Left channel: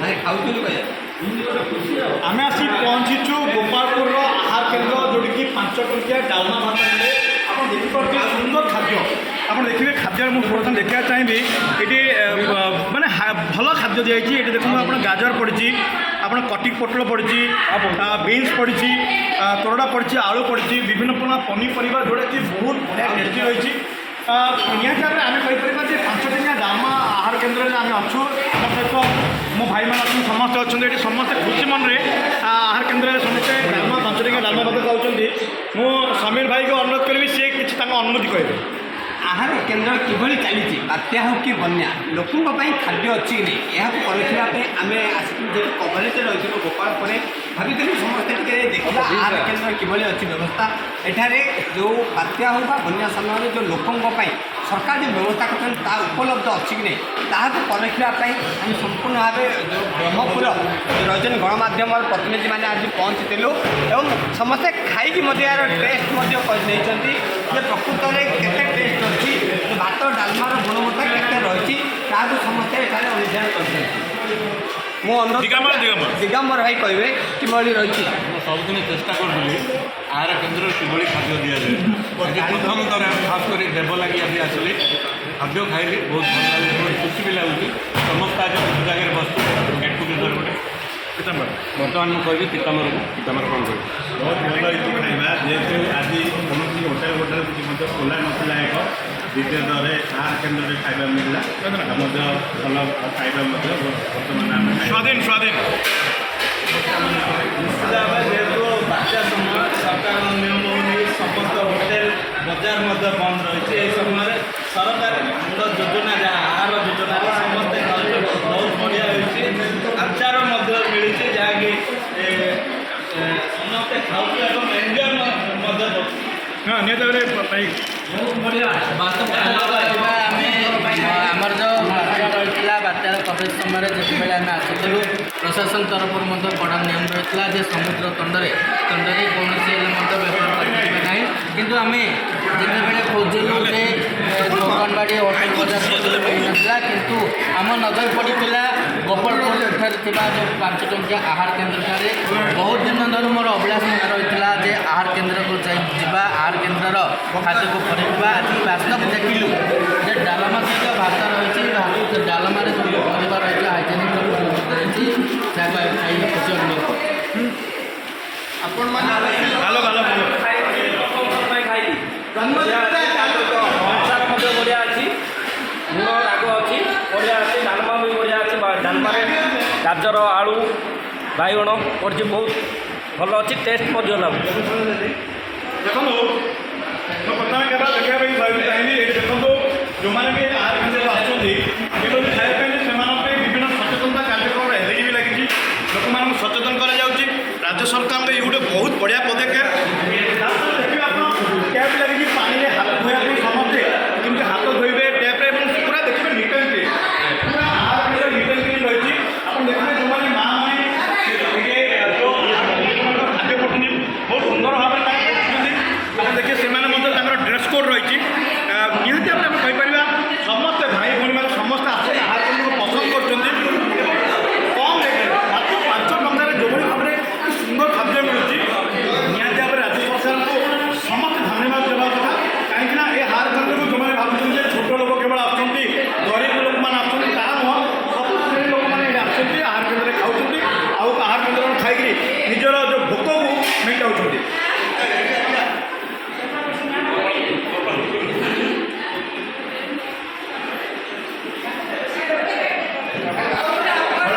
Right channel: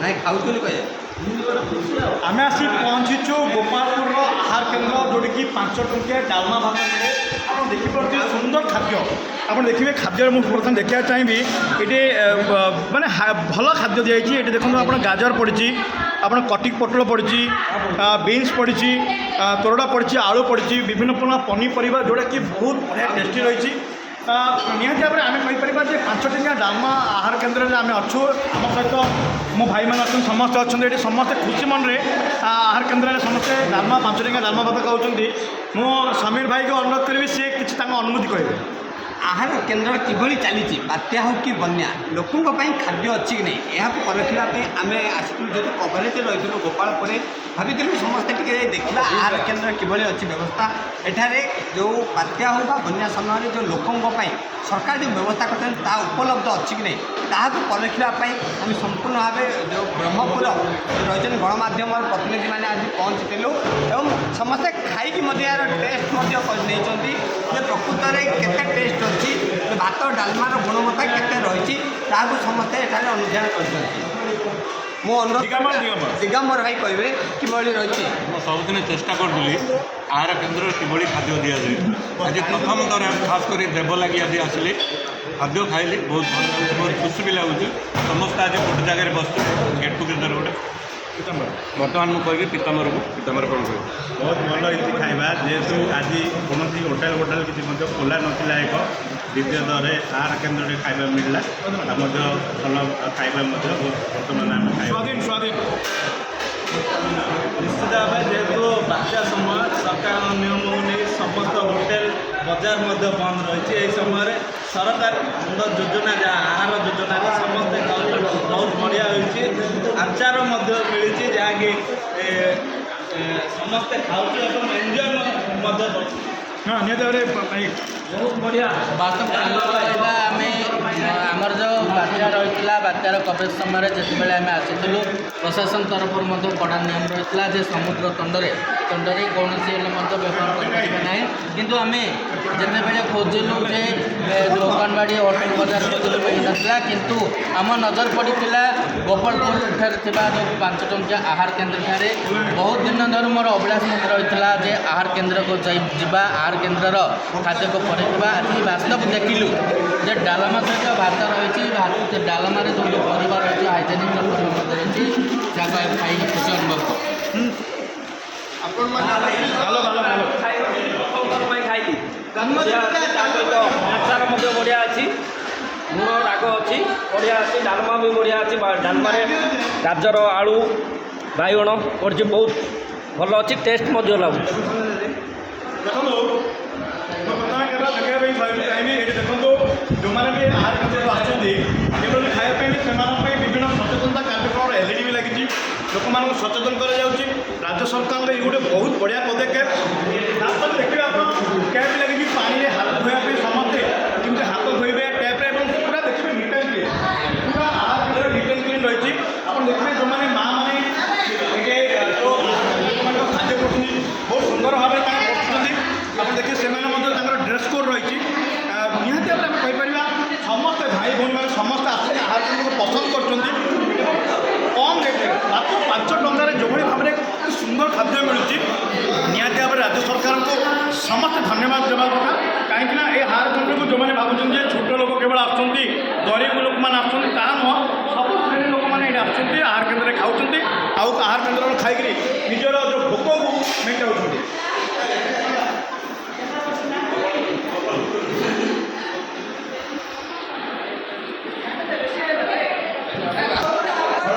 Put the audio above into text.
ନାଇଁ ଖାଉଛନ୍ତି କହିବା आम आसी पहुँचीचु गोपालपुर आहार केन्द्र जोड़िकी 5 टंकिया डालमा भात मिले आप देखिए सुंदर खाद्य आप देखिए खाद्य मुझे बर्तमान देखा चाहिए ये माने भल खाद्य दिखाई ये देखो आप गाजर पड़ी आप कटिक पोटल पड़ी बीन्स पड़ी तोरड़ा पड़ी आलू पड़ी विभिन्न प्रकार पनीपरिया जोटा कि बहुत बढ़िया टेस्टी रही निहती भाव में आम कहीपर 5 टंकिया डालमा आहार केन्द्र में आम अच्छु मो भाई मैंने अच्छे समस्ते अच्छा ये समस्ते खुशी मन में आहार केन्द्र में समस्ते डालमा 5 टंकिया डालमा भात खाऊँगी मो समीर भाई को अनुरोध करी सी किसी अनुभूति कहे आहार केन्द्र किभଳି ଚାଲିଛି ବାତ୍ୟା ହେଉ କି ବନ୍ୟା ଲୋକଙ୍କ ପାଇଁ ଖାଦ୍ୟ ଅଛି କି ନାହିଁ ଏହାକୁ ପରଖିବା ପାଇଁ ଆମେ ଆସିଥିଲୁ ଯେହେତୁ କଭରେଜରେ ରହିଥିଲୁ ଗୋପାଳପୁରରେ ଭାବିଥିଲୁ ସମସ୍ତେ ଟିକେ ଦେଖିବା ଆହାର କେନ୍ଦ୍ର କିଭଳି ଅଛି ବ୍ୟବସ୍ଥା ଏଠାରେ ଯେଉଁ ବାତ୍ୟା ହେଉ ବା ବନ୍ୟା ସମୟରେ ଯେଉଁ ଲୋକଙ୍କ ପାଇଁ ସରକାର ଯେଉଁ ବ୍ୟବସ୍ଥା କରିଛନ୍ତି ତାହା ଉପଲବ୍ଧ ଅଛି କି ନାହିଁ ତାହାକୁ ପରଖିବା ପାଇଁ ଆମେ ସମ୍ପୂର୍ଣ୍ଣ ଭାବେ ଯେଉଁ ବ୍ରହ୍ମପୁର ରହିଛନ୍ତି ଗଣମାଧ୍ୟମର ପ୍ରତିନିଧିମାନେ ଆଜି ପହଞ୍ଚିଥିଲୁ ଏବଂ ସମସ୍ତେ ଖାଇକି ମଧ୍ୟ ଏହାର ଟେଷ୍ଟ ମଧ୍ୟ ନେଇଛନ୍ତି ଯେ ପ୍ରକୃତରେ କେତେ ଟେଷ୍ଟ ଅଛି ଭାତ ଡାଲମାର ଗୁଣବତ୍ତା କେତେ ରହିଛି ତାହାକୁ ସମସ୍ତେ ଏଠାରେ ଅନୁଧ୍ୟାନ କରିଛନ୍ତି ମୁଁ ଦିଗମ୍ବର ଭାଇ କହିବେ କିଭଳି ରହିଛି ମୁଁ ସବୁଦିନ ଚେଷ୍ଟା କରୁଥିଲି ଆହାର କେନ୍ଦ୍ରରେ କିଭଳି ଖାଦ୍ୟ ଦିଆଯାଏ ଆଜି ପ୍ରଥମ ଥର ଖାସ୍ କରି ଦେବ ଲାଗି ଆଜି ଆସିଲି ଖାଦ୍ୟ ଖାଇଲି ବହୁତ ଭଲ ଲାଗୁଛି ବହୁତ ଖୁସି ବି ଲାଗୁଛି ସମସ୍ତେ ଆଜି ଗୋଟେ ଜାଗାରେ ବସିଛୁ ଗେଟ୍ ଟୁଗେଦର ଗୋଟେ ବର୍ତ୍ତମାନ ମୁଁ କହିବି ପିତାମ୍ବରକୁ ପିତାମ୍ବର କ'ଣ କହିବି ବହୁତ ଭଲ ହେଇଛି ଖାଇବା ଯେହେତୁ ଆଜି କୌଣସି ହୋଟେଲ କିଛି ମଧ୍ୟ ଖୋଲା ନଥିଲା ଏକ ଦ୍ୱିତୀୟତଃ ଆହାର କେନ୍ଦ୍ରରେ ଖାଇବା ମିଳିଲା ମଧ୍ୟ ଭଲ ଖାଇବା ମଧ୍ୟ ବର୍ତ୍ତମାନ ଆମେ ସ୍ୱାଧୀନ ନିଶ୍ଚିତ ଭାବେ ଯେହେତୁ ବାତ୍ୟା ସମୟ ସରକାରଙ୍କ ନିୟମ ନେଇ ସମସ୍ତ ହୋଟେଲ ବଜାର ମଧ୍ୟ ବନ୍ଦ ରହିଛି ଏହି ସମୟରେ ସରକାରଙ୍କ ଯୋଜନା ଯାହା ଆହାର ଯୋଜନାରେ ସମସ୍ତେ ଖାଉଛନ୍ତି ବହୁତ ବଢ଼ିଆ ହୋଇଛି ଆଚାର ମଧ୍ୟ ମିଳିଛି ଯାହାକି ସମସ୍ତେ ଖାଉଛୁ ଏବଂ ଏନ୍ଜୟ ମଧ୍ୟ କରୁଛୁ ନିହାତି ଭାବରେ ବହୁତ ବଢ଼ିଆ ଆମେ ଆମର ଯେଉଁ ବାତ୍ୟା ରହିଥିଲା ବାତ୍ୟାର କଭରେଜ ସମୟରେ ଯେତେବେଳେ ଆମେ ଆସିଥିଲୁ ପ୍ରଶାସନ ତରଫରୁ ମଧ୍ୟ କଡ଼ା ନିୟମ ରହିଥିଲା ଯେ ସମୁଦ୍ର ତଣ୍ଡରେ କୌଣସି ହେଲେ ମଧ୍ୟ ବ୍ୟବହାର କରିପାରିବେ ନାହିଁ କିନ୍ତୁ ଆମେ ଯେତେବେଳେ ଖୋଜିଲୁ ଯେ ଦୋକାନବାଡ଼ି ହୋଟେଲ ବଜାର ଖୋଜିଲୁ ମିଳିନଥିଲା କିନ୍ତୁ ଆମ ନଜର ପଡ଼ିଥିଲା ଗୋପାଳପୁରଠାରେ ଥିବା ଯେଉଁ 5 ଟଙ୍କିଆ ଆହାର କେନ୍ଦ୍ରଠାରେ ବହୁତ ଦିନ ଧରୁ ମୋର ଅଭିଳାଷ ମଧ୍ୟ ରହିଥିଲା ଯେ ଆହାର କେନ୍ଦ୍ରକୁ ଯିବା ଆହାର କେନ୍ଦ୍ରର ଖାଦ୍ୟକୁ ପରଖିବା ଆଜି ବାସ୍ତବ ଦେଖିଲୁ ଯେ ଡାଲମା ସହିତ ଭାତ ରହିଛି ଡାଲମାରେ ଯେଉଁ ପରିବା ରହିଛି ହାଇଜେନିକ୍ ମଧ୍ୟ ରହିଛି ଯାହାକୁ ଖାଇକି ଖୁସି ଅନୁଭବ ଖାଇଲି ବଢ଼ିଆ ଅଛି ତା ସହିତ ଆଚାର ମଧ୍ୟ ବଢ଼ିଆ ଅଛି ଲୁଣ ରାଗ ଅଛି ବଢ଼ିଆ ଅଛି ଡାଲମା ବି ବଢ଼ିଆ ଅଛି ଡାଲମାରେ ଗାଜର ଆଳୁ ବାଇଗଣ ପଡ଼ିଛି ବହୁତ ଭଲ ଅଛି ଟେଷ୍ଟ ମଧ୍ୟ ଲାଗୁଛି ଦେଖନ୍ତୁ ଦେଖନ୍ତୁ ଯେଉଁମାନେ ବି ଆହାର କେନ୍ଦ୍ରକୁ ଆସୁଛନ୍ତି କେବଳ ବି ଖାଇବା ପାଇଁ ସେମାନଙ୍କ ପାଇଁ ବିଭିନ୍ନ ସଚେତନତା କାର୍ଯ୍ୟକ୍ରମ ଏଲ୍ଇଡି ବି ଲାଗିଛି ଲୋକମାନଙ୍କୁ ସଚେତନ କରାଯାଉଛି ରାଜ୍ୟ ସରକାରଙ୍କ ଏଇ ଗୋଟେ ବହୁତ ବଢ଼ିଆ ପଦକ୍ଷେପ ଦେଖିବେ ଆପଣ ଟ୍ୟାପ୍ ଲାଗିଛି ପାଣିରେ ହାତ ଧୋଇବା ପାଇଁ ସମସ୍ତେ କେମିତି ହାତ ଧୋଇବେ ଟ୍ୟାପ୍ରେ ଏବଂ ପୁରା ଦେଖିବେ ନିଟ୍ ଆଣ୍ଡ କ୍ଲିନ୍ ପୁରା ଆହାର କେନ୍ଦ୍ର ନିଟ୍ ଆଣ୍ଡ କ୍ଲିନ୍ ରହିଛି ଆପଣ ଦେଖିବେ ଯେଉଁମାନେ ମାଆମାନେ ସେମାନଙ୍କ ଖାଦ୍ୟ କରୁଛନ୍ତି ବହୁତ ସୁନ୍ଦର ଭାବରେ କାମ କରୁଛନ୍ତି ଆପଣ ଦେଖିବେ ସେମାନେ ମଧ୍ୟ ତାଙ୍କର ଡ୍ରେସ୍ କୋଡ୍ ରହିଛି ନିହାତି ଭାବରେ ଆମେ କହିପାରିବା ସମସ୍ତେ ଭାଇ ଭଉଣୀମାନେ ସମସ୍ତେ ଆସି ଆହାର କେନ୍ଦ୍ରକୁ ପସନ୍ଦ କରୁଛନ୍ତି କମ୍ ରେଟ୍ରେ ମାତ୍ର 5 ଟଙ୍କାରେ ଯେଭଳି ଭାବରେ ସୁନ୍ଦର ଖାଦ୍ୟ ମିଳୁଛି ନିହାତି ଭାବରେ ରାଜ୍ୟ ସରକାରଙ୍କୁ ସମସ୍ତେ ଧନ୍ୟବାଦ ଦେବା କଥା କାହିଁକିନା ଏ ଆହାର କେନ୍ଦ୍ରକୁ ଯେଉଁମାନେ ଭାବୁଛନ୍ତି ଯେ ଛୋଟ ଲୋକ କେବଳ ଆସୁଛନ୍ତି ଗରିବ ଲୋକମାନେ ଆସୁଛନ୍ତି ତାହା ନୁହଁ ସବୁ ଶ୍ରେଣୀ ଲୋକମାନେ ଏଠି ଆସୁଛନ୍ତି ଆହାର କେନ୍ଦ୍ରରେ ଖାଉଛନ୍ତି ଆଉ ଆହାର କେନ୍ଦ୍ରରୁ ଖାଇକରି ନିଜର ଯେଉଁ ଭୋକକୁ ମେଣ୍ଟାଉଛନ୍ତି